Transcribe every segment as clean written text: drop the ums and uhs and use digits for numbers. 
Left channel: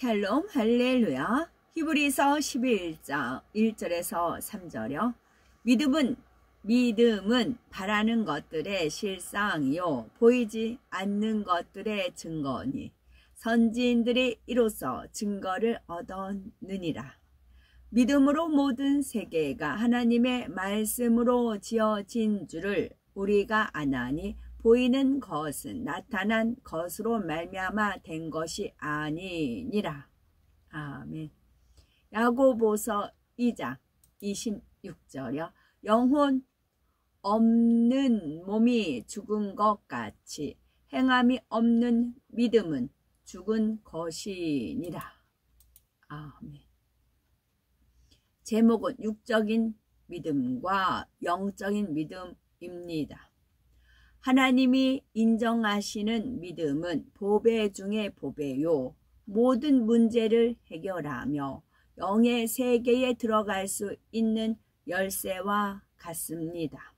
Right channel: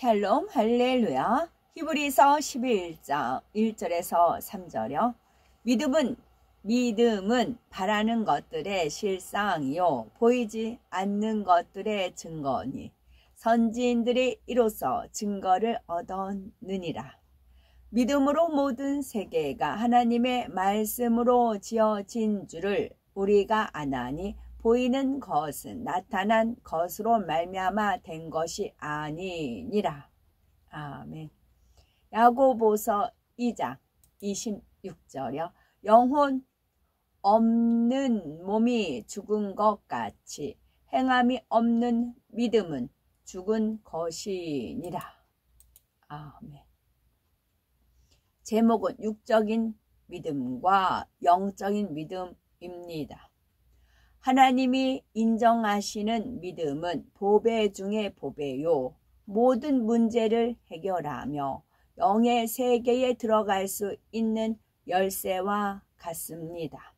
샬롬 할렐루야. 히브리서 11장 1절에서 3절이요. 믿음은 바라는 것들의 실상이요 보이지 않는 것들의 증거니 선지인들이 이로써 증거를 얻었느니라. 믿음으로 모든 세계가 하나님의 말씀으로 지어진 줄을 우리가 아나니 보이는 것은 나타난 것으로 말미암아 된 것이 아니니라. 아멘. 야고보서 2장 26절이요. 영혼 없는 몸이 죽은 것 같이 행함이 없는 믿음은 죽은 것이니라. 아멘. 제목은 육적인 믿음과 영적인 믿음입니다. 하나님이 인정하시는 믿음은 보배 중에 보배요. 모든 문제를 해결하며 영의 세계에 들어갈 수 있는 열쇠와 같습니다.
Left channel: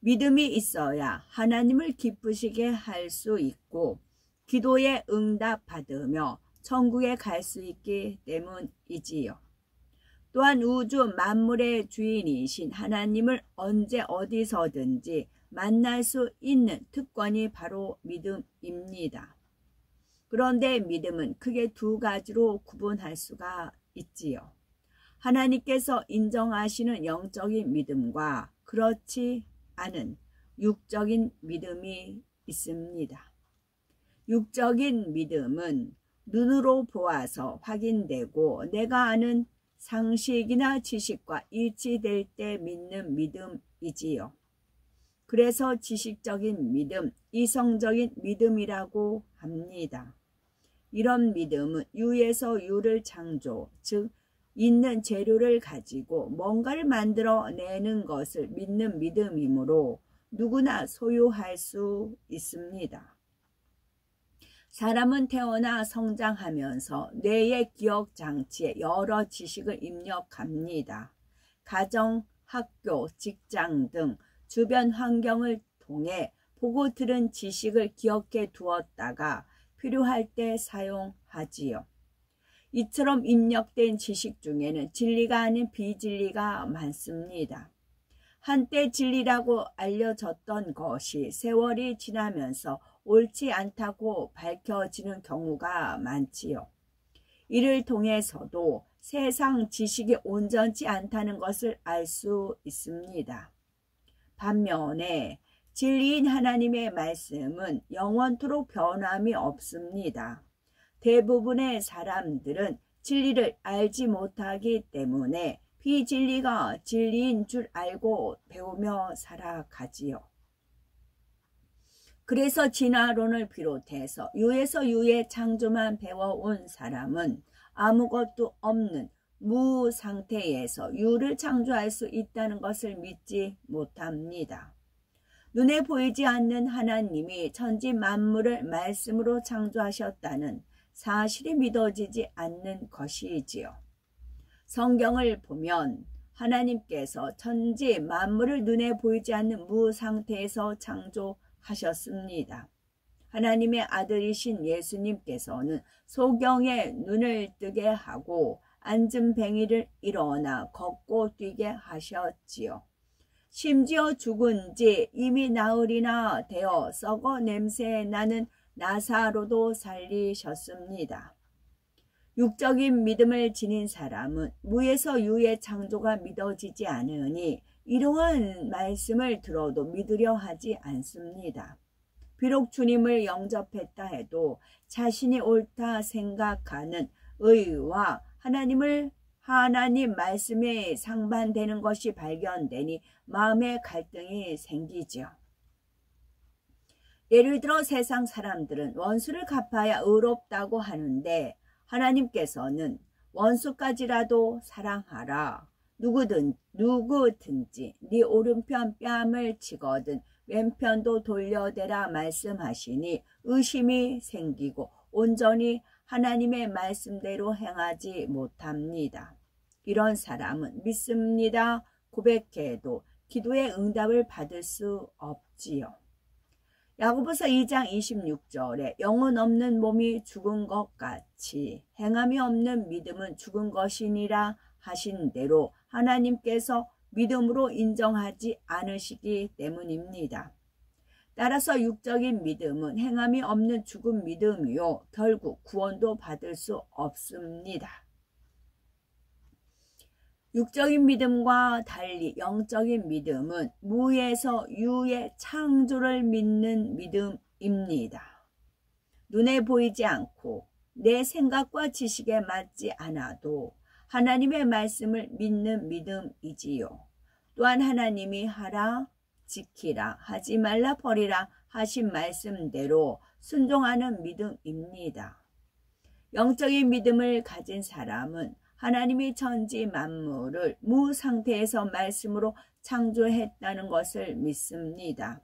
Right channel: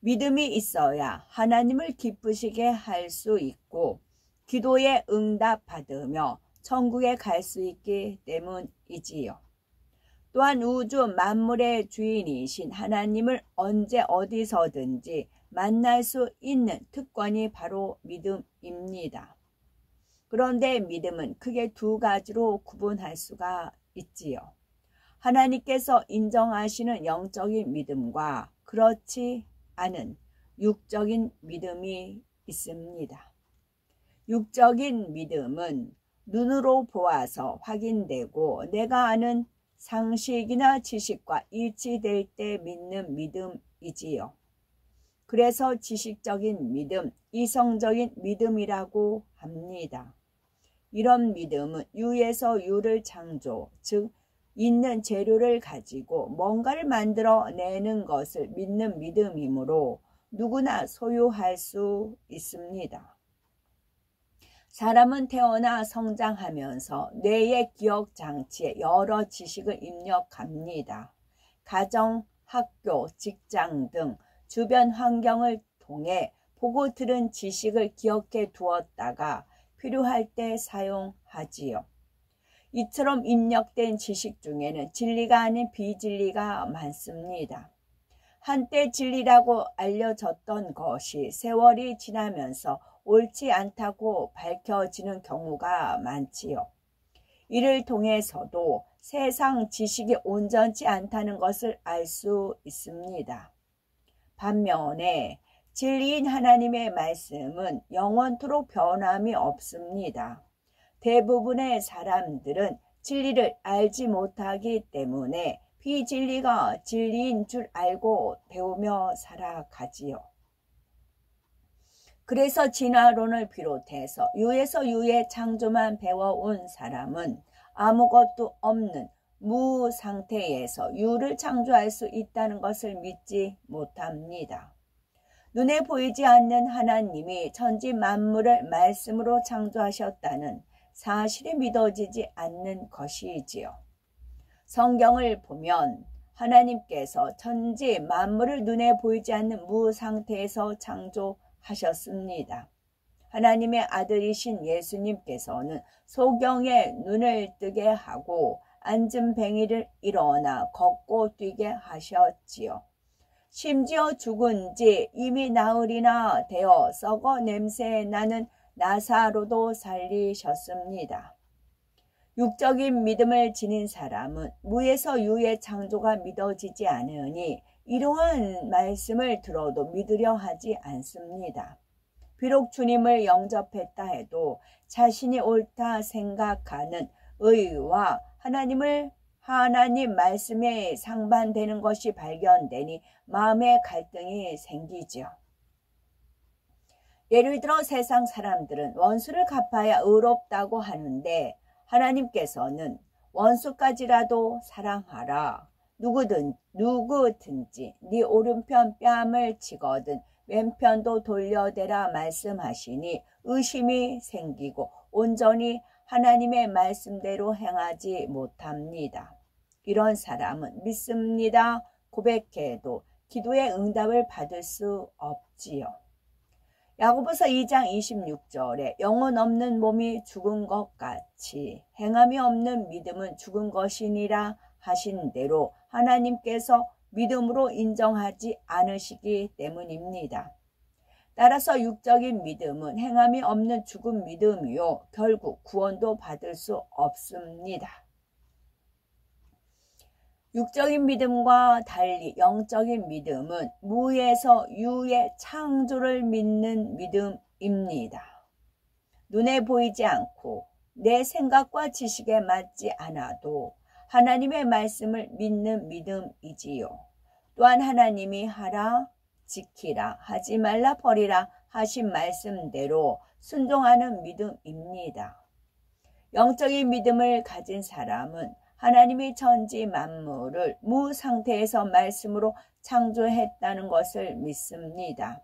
믿음이 있어야 하나님을 기쁘시게 할 수 있고 기도에 응답받으며 천국에 갈 수 있기 때문이지요. 또한 우주 만물의 주인이신 하나님을 언제 어디서든지 만날 수 있는 특권이 바로 믿음입니다. 그런데 믿음은 크게 두 가지로 구분할 수가 있지요. 하나님께서 인정하시는 영적인 믿음과 그렇지 않은 육적인 믿음이 있습니다. 육적인 믿음은 눈으로 보아서 확인되고 내가 아는 상식이나 지식과 일치될 때 믿는 믿음이지요. 그래서 지식적인 믿음, 이성적인 믿음이라고 합니다. 이런 믿음은 유에서 유를 창조, 즉 있는 재료를 가지고 뭔가를 만들어내는 것을 믿는 믿음이므로 누구나 소유할 수 있습니다. 사람은 태어나 성장하면서 뇌의 기억 장치에 여러 지식을 입력합니다. 가정, 학교, 직장 등 주변 환경을 통해 보고 들은 지식을 기억해 두었다가 필요할 때 사용하지요. 이처럼 입력된 지식 중에는 진리가 아닌 비진리가 많습니다. 한때 진리라고 알려졌던 것이 세월이 지나면서 옳지 않다고 밝혀지는 경우가 많지요. 이를 통해서도 세상 지식이 온전치 않다는 것을 알 수 있습니다. 반면에 진리인 하나님의 말씀은 영원토록 변함이 없습니다. 대부분의 사람들은 진리를 알지 못하기 때문에 비진리가 진리인 줄 알고 배우며 살아가지요. 그래서 진화론을 비롯해서 유에서 유의 창조만 배워온 사람은 아무것도 없는 무 상태에서 유를 창조할 수 있다는 것을 믿지 못합니다. 눈에 보이지 않는 하나님이 천지 만물을 말씀으로 창조하셨다는 사실이 믿어지지 않는 것이지요. 성경을 보면 하나님께서 천지 만물을 눈에 보이지 않는 무 상태에서 창조하셨습니다. 하나님의 아들이신 예수님께서는 소경의 눈을 뜨게 하고 앉은 뱅이를 일어나 걷고 뛰게 하셨지요. 심지어 죽은 지 이미 나흘이나 되어 썩어 냄새 나는 나사로도 살리셨습니다. 육적인 믿음을 지닌 사람은 무에서 유의 창조가 믿어지지 않으니 이러한 말씀을 들어도 믿으려 하지 않습니다. 비록 주님을 영접했다 해도 자신이 옳다 생각하는 의와 하나님 말씀에 상반되는 것이 발견되니 마음의 갈등이 생기죠. 예를 들어 세상 사람들은 원수를 갚아야 의롭다고 하는데 하나님께서는 원수까지라도 사랑하라. 누구든지 네 오른편 뺨을 치거든 왼편도 돌려대라 말씀하시니 의심이 생기고 온전히 하나님의 말씀대로 행하지 못합니다. 이런 사람은 믿습니다 고백해도 기도의 응답을 받을 수 없지요. 야고보서 2장 26절에 영혼 없는 몸이 죽은 것 같이 행함이 없는 믿음은 죽은 것이니라 하신 대로 하나님께서 믿음으로 인정하지 않으시기 때문입니다. 따라서 육적인 믿음은 행함이 없는 죽은 믿음이요 결국 구원도 받을 수 없습니다. 육적인 믿음과 달리 영적인 믿음은 무에서 유의 창조를 믿는 믿음입니다. 눈에 보이지 않고 내 생각과 지식에 맞지 않아도 하나님의 말씀을 믿는 믿음이지요. 또한 하나님이 하라, 지키라, 하지 말라, 버리라 하신 말씀대로 순종하는 믿음입니다. 영적인 믿음을 가진 사람은 하나님이 천지 만물을 무상태에서 말씀으로 창조했다는 것을 믿습니다.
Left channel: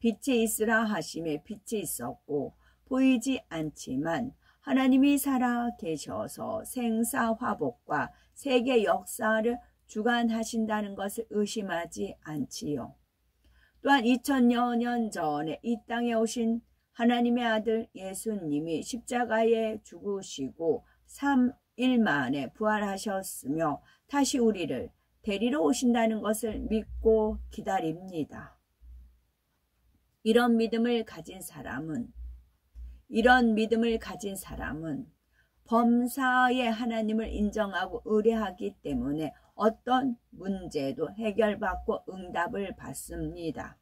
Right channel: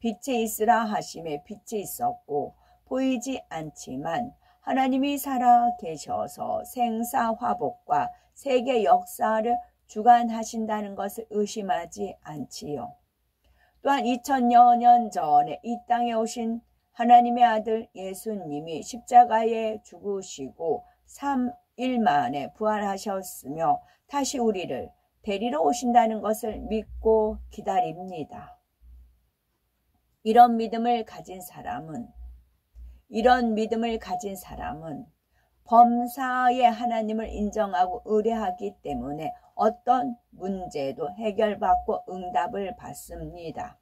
빛이 있으라 하심에 빛이 있었고 보이지 않지만 하나님이 살아 계셔서 생사화복과 세계 역사를 주관하신다는 것을 의심하지 않지요. 또한 2000여 년 전에 이 땅에 오신 하나님의 아들 예수님이 십자가에 죽으시고 3일 만에 부활하셨으며 다시 우리를 데리러 오신다는 것을 믿고 기다립니다. 이런 믿음을 가진 사람은 범사의 하나님을 인정하고 의뢰하기 때문에 어떤 문제도 해결받고 응답을 받습니다.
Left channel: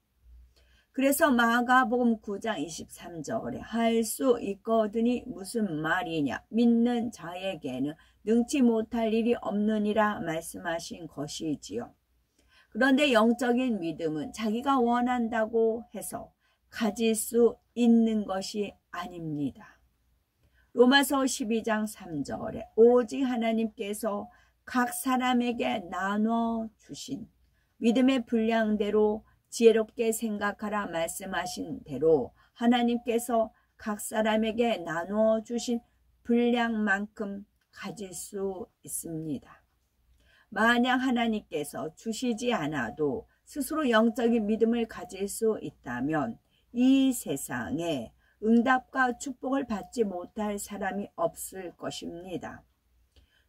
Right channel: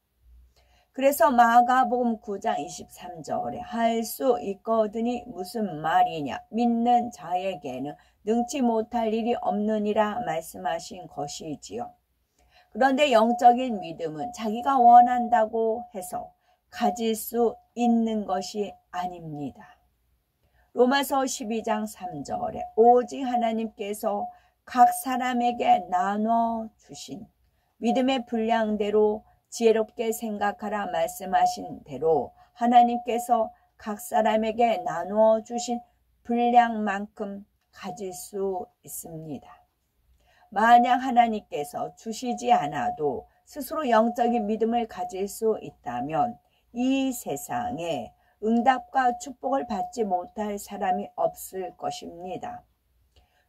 그래서 마가복음 9장 23절에 할 수 있거든이 무슨 말이냐, 믿는 자에게는 능치 못할 일이 없느니라 말씀하신 것이지요. 그런데 영적인 믿음은 자기가 원한다고 해서 가질 수 있는 것이 아닙니다. 로마서 12장 3절에 오직 하나님께서 각 사람에게 나눠 주신 믿음의 분량대로 지혜롭게 생각하라 말씀하신 대로 하나님께서 각 사람에게 나누어 주신 분량만큼 가질 수 있습니다. 만약 하나님께서 주시지 않아도 스스로 영적인 믿음을 가질 수 있다면 이 세상에 응답과 축복을 받지 못할 사람이 없을 것입니다.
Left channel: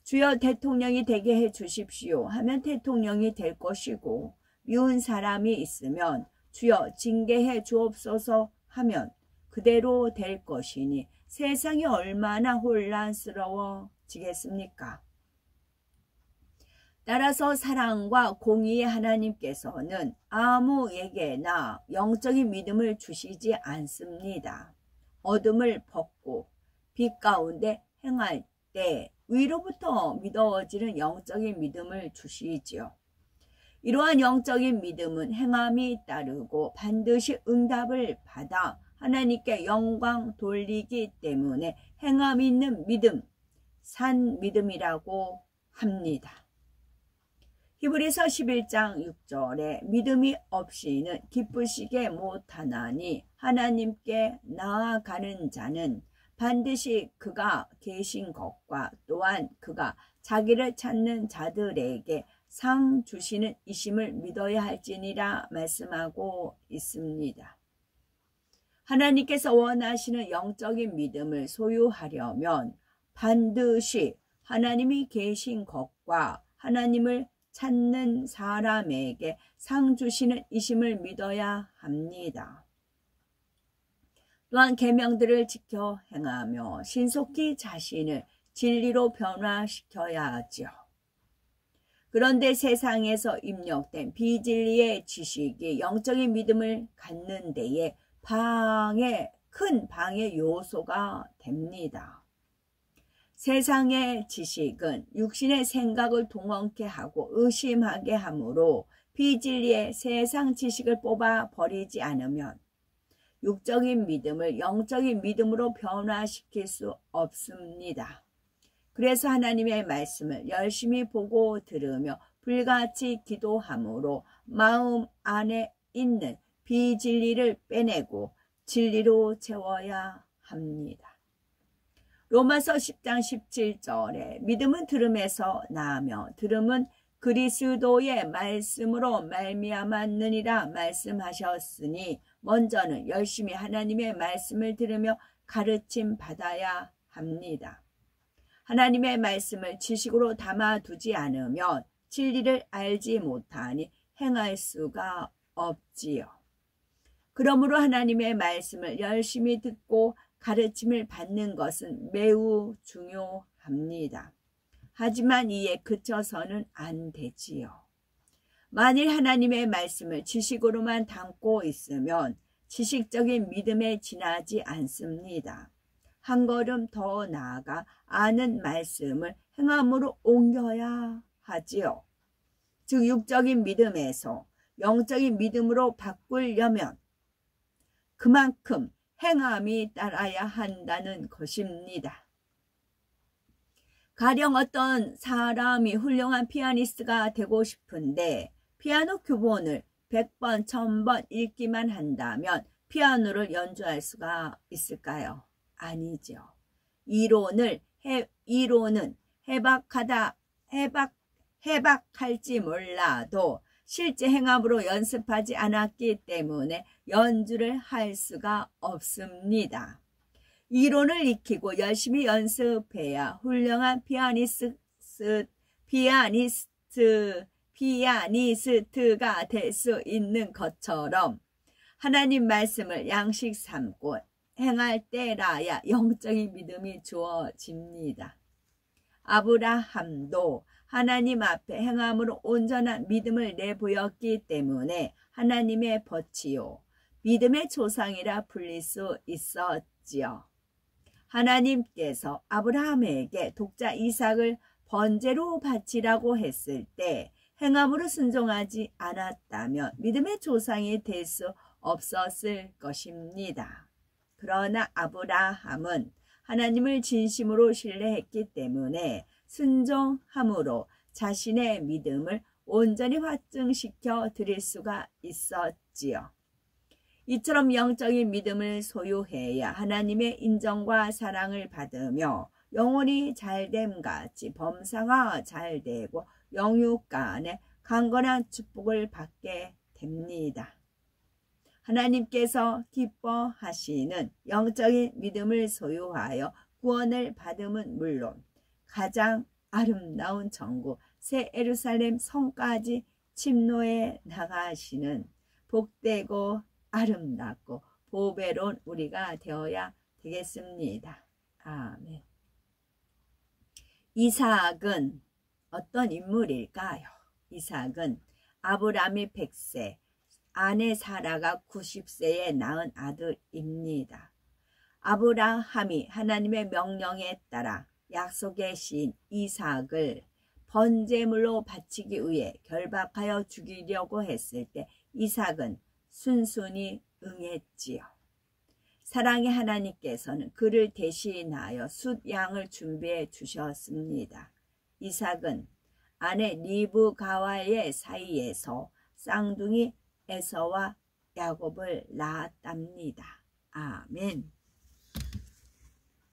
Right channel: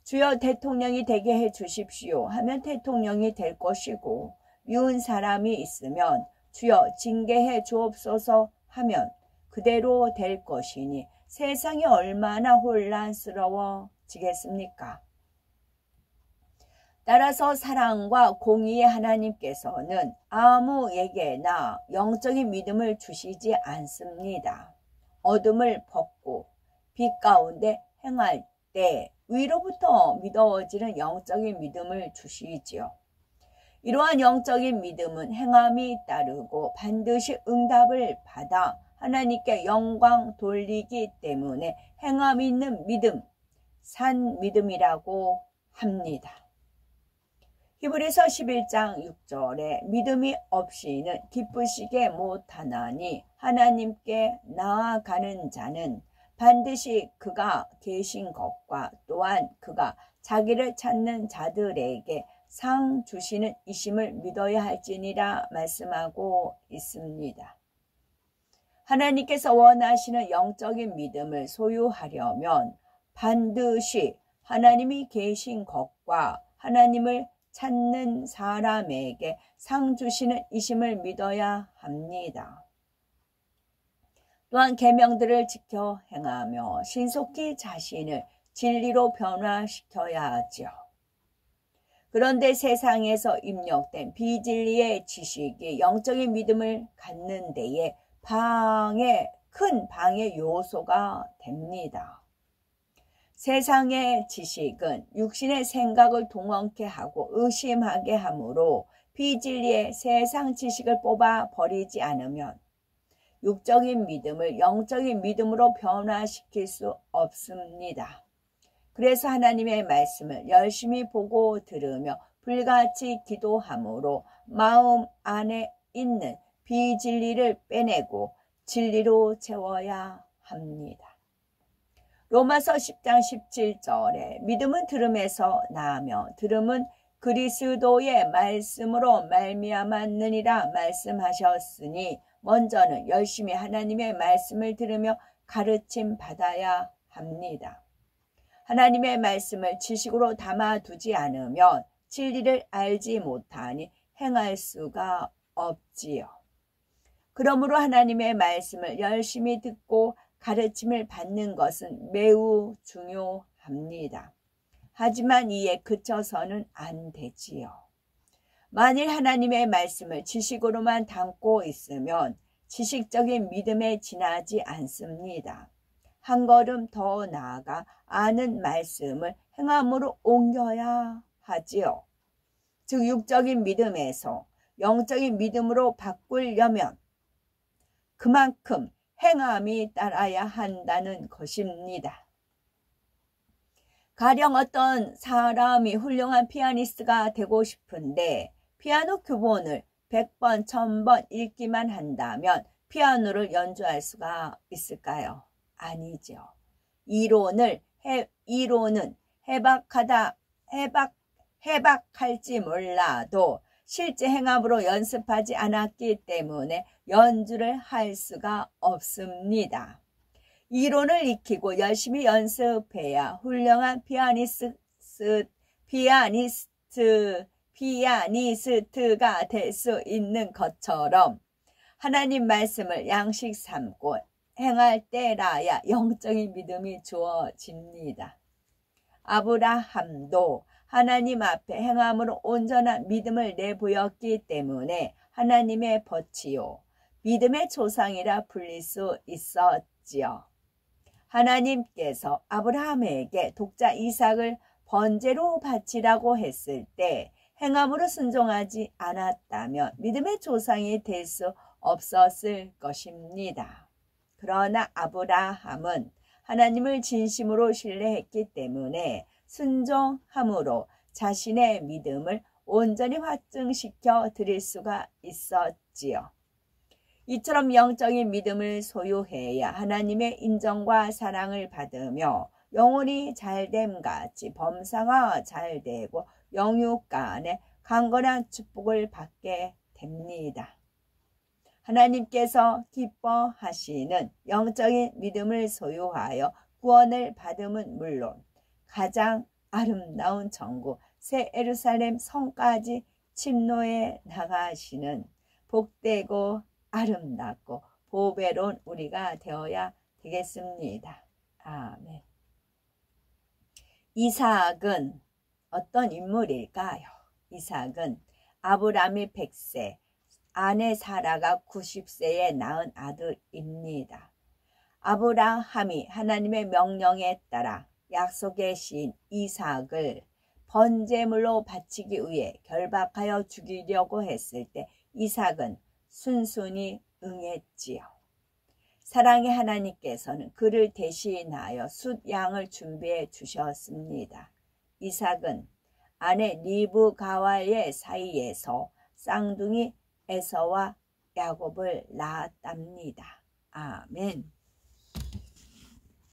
주여 대통령이 되게 해 주십시오 하면 대통령이 될 것이고, 미운 사람이 있으면 주여 징계해 주옵소서 하면 그대로 될 것이니 세상이 얼마나 혼란스러워지겠습니까? 따라서 사랑과 공의의 하나님께서는 아무에게나 영적인 믿음을 주시지 않습니다. 어둠을 벗고 빛 가운데 행할 때 위로부터 믿어지는 영적인 믿음을 주시지요. 이러한 영적인 믿음은 행함이 따르고 반드시 응답을 받아 하나님께 영광 돌리기 때문에 행함 있는 믿음, 산 믿음이라고 합니다. 히브리서 11장 6절에 믿음이 없이는 기쁘시게 못하나니 하나님께 나아가는 자는 반드시 그가 계신 것과 또한 그가 자기를 찾는 자들에게 상 주시는 이심을 믿어야 할지니라 말씀하고 있습니다. 하나님께서 원하시는 영적인 믿음을 소유하려면 반드시 하나님이 계신 것과 하나님을 찾는 사람에게 상 주시는 이심을 믿어야 합니다. 또한 계명들을 지켜 행하며 신속히 자신을 진리로 변화시켜야 하죠. 그런데 세상에서 입력된 비진리의 지식이 영적인 믿음을 갖는 데에 큰 방해 요소가 됩니다. 세상의 지식은 육신의 생각을 동원케 하고 의심하게 하므로 비진리의 세상 지식을 뽑아 버리지 않으면 육적인 믿음을 영적인 믿음으로 변화시킬 수 없습니다. 그래서 하나님의 말씀을 열심히 보고 들으며 불같이 기도함으로 마음 안에 있는 비진리를 빼내고 진리로 채워야 합니다. 로마서 10장 17절에 믿음은 들음에서 나으며 들음은 그리스도의 말씀으로 말미암았느니라 말씀하셨으니 먼저는 열심히 하나님의 말씀을 들으며 가르침 받아야 합니다. 하나님의 말씀을 지식으로 담아두지 않으면 진리를 알지 못하니 행할 수가 없지요. 그러므로 하나님의 말씀을 열심히 듣고 가르침을 받는 것은 매우 중요합니다. 하지만 이에 그쳐서는 안 되지요. 만일 하나님의 말씀을 지식으로만 담고 있으면 지식적인 믿음에 지나지 않습니다. 한 걸음 더 나아가 아는 말씀을 행함으로 옮겨야 하지요. 즉 육적인 믿음에서 영적인 믿음으로 바꾸려면 그만큼 행함이 따라야 한다는 것입니다. 가령 어떤 사람이 훌륭한 피아니스트가 되고 싶은데 피아노 규본을 100번, 1000번 읽기만 한다면 피아노를 연주할 수가 있을까요? 아니죠. 이론은 해박할지 몰라도 실제 행함으로 연습하지 않았기 때문에 연주를 할 수가 없습니다. 이론을 익히고 열심히 연습해야 훌륭한 피아니스트가 될 수 있는 것처럼 하나님 말씀을 양식 삼고 행할 때라야 영적인 믿음이 주어집니다. 아브라함도 하나님 앞에 행함으로 온전한 믿음을 내보였기 때문에 하나님의 벗이요 믿음의 조상이라 불릴 수 있었지요. 하나님께서 아브라함에게 독자 이삭을 번제로 바치라고 했을 때 행함으로 순종하지 않았다면 믿음의 조상이 될 수 없었을 것입니다. 그러나 아브라함은 하나님을 진심으로 신뢰했기 때문에 순종함으로 자신의 믿음을 온전히 확증시켜 드릴 수가 있었지요. 이처럼 영적인 믿음을 소유해야 하나님의 인정과 사랑을 받으며 영혼이 잘됨같이 범사가 잘되고 영육간에 강건한 축복을 받게 됩니다. 하나님께서 기뻐하시는 영적인 믿음을 소유하여 구원을 받음은 물론 가장 아름다운 천국 새 예루살렘 성까지 침노해 나가시는 복되고 아름답고 보배로운 우리가 되어야 되겠습니다. 아멘. 이삭은 어떤 인물일까요? 이삭은 아브라함이 100세, 아내 사라가 90세에 낳은 아들입니다. 아브라함이 하나님의 명령에 따라 약속의 시인 이삭을 번제물로 바치기 위해 결박하여 죽이려고 했을 때 이삭은 순순히 응했지요. 사랑의 하나님께서는 그를 대신하여 숫양을 준비해 주셨습니다. 이삭은 아내 리브가와의 사이에서 쌍둥이 에서와 야곱을 낳았답니다. 아멘.